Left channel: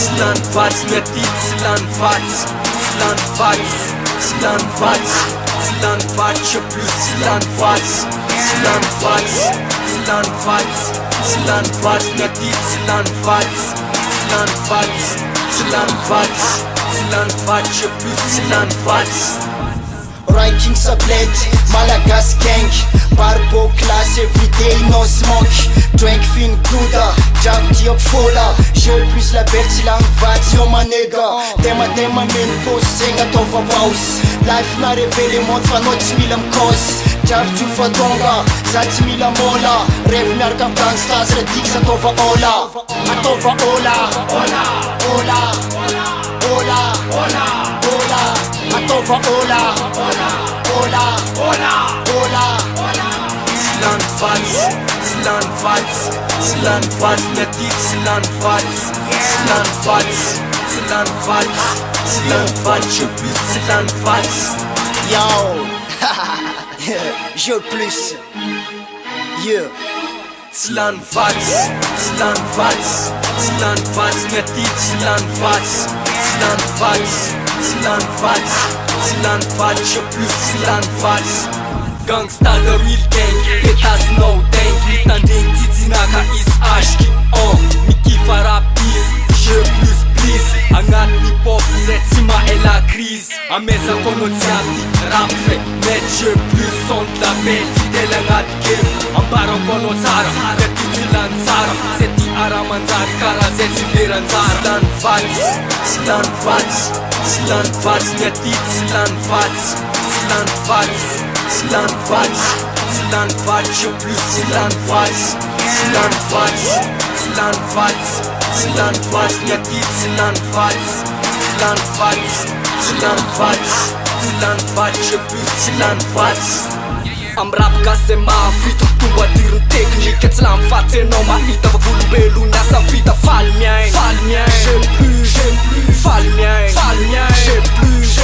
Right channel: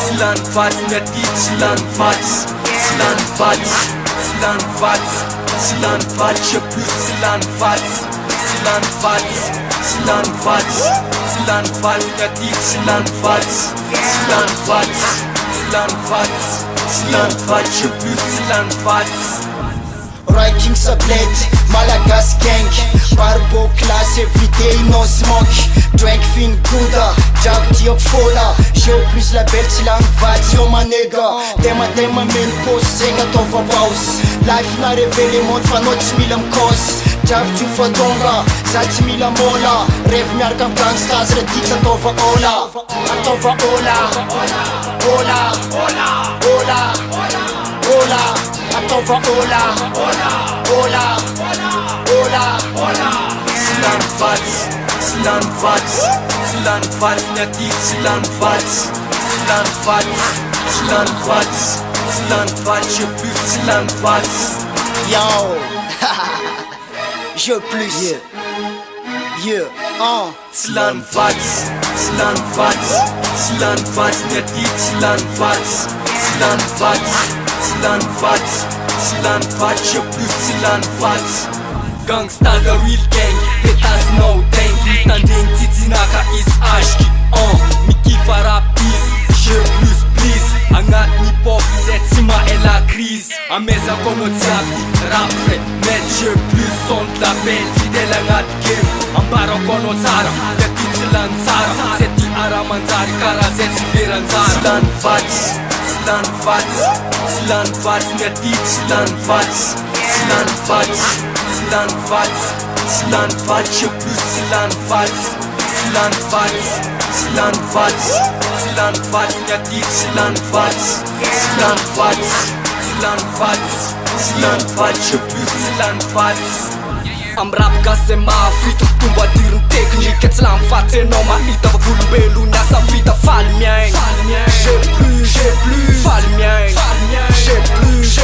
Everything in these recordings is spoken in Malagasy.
Slanfatsy mety slanfatsy je plus slanfatsy mety slanfatsy je plus slanfatsy. Roy King Sablette, Malagas gang, Barbo class everyday no smoke. Drank fin gouda, Jack Diop fola. Je plus la belle slanfatsy yo ma nigga. Tema men pose segna tova boss. Life na révélé monde fa no tsy mila mikôsy. Javy tsy fadonga, za tsy mila mola. Rêve miaraka am gangstas re tiky atova ola. Atova ola, ola, atova ola. Slanfatsy mety slanfatsy je plus slanfatsy. Yo, je plus. Yeah. Slanfatsy mety slanfatsy je plus slanfatsy. Gangsta the real gang, pétasse no tank. Mitandregny tsitsinaka izy ashky mikifa rap izy, je plus please. Agnatiny pop zay tsy maela crise. Amezako anao jiaby rap vrai, met je plus son de la belle. Fidèle agnaty game, ambarako anao tsara. Mety tsy lany tsara, zay ty ara manjary karaha zay tsy veranjara. Slanfatsy mety slanfatsy je plus slanfatsy mety slanfatsy je plus slanfatsy. Am rap gasy mahavita mitombo adiriny teknika. Tsy lamfatsy anao mahita fa volombelony asa vita. Faly miaigny, j'ai plus, faly miaigny, j'ai plus.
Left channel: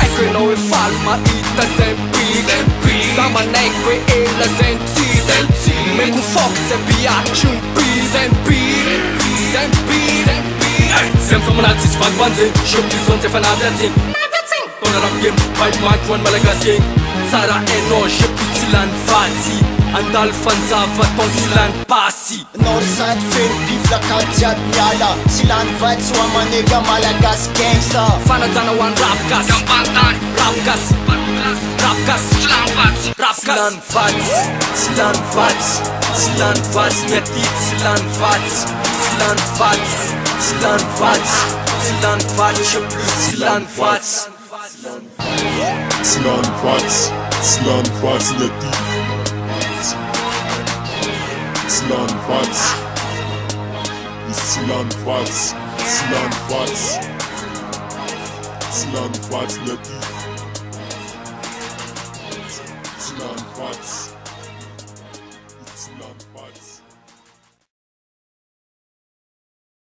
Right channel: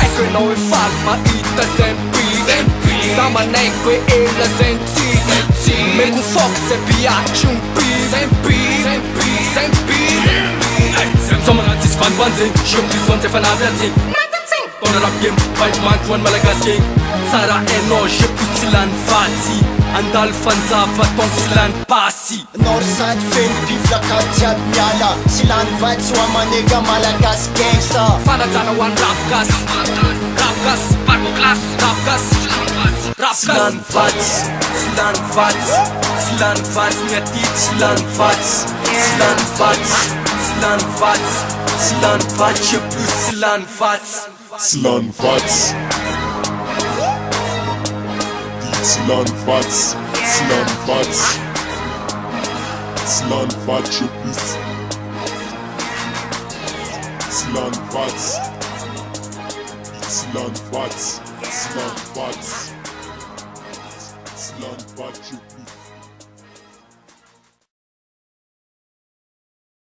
Aiko anao hoe faly mahita zay mpiky. Za manaiky hoe ela zay ntsity. Meko foky zay biatry mpiky. Zay misomana tsisy vandivanjeny, je plus zone zay fanavy adzeny. Tona rap game, vibe manky hoan'ny Malagas gang. Tsara hainao, je plus tsy lany vatsy. Andalo fanjava tong tsy lany pasy. Northside feno bifla ka jiaby miala. Tsy lany vatsy ho amanega Malagas gangsta. Fanajana hoan'ny rap gas, gambantany, rap gas, barbo class, rap gas, tsy lany vatsy. Slanfatsy mety slanfatsy je plus slanfatsy. Slanfatsy mety slanfatsy je plus slanfatsy.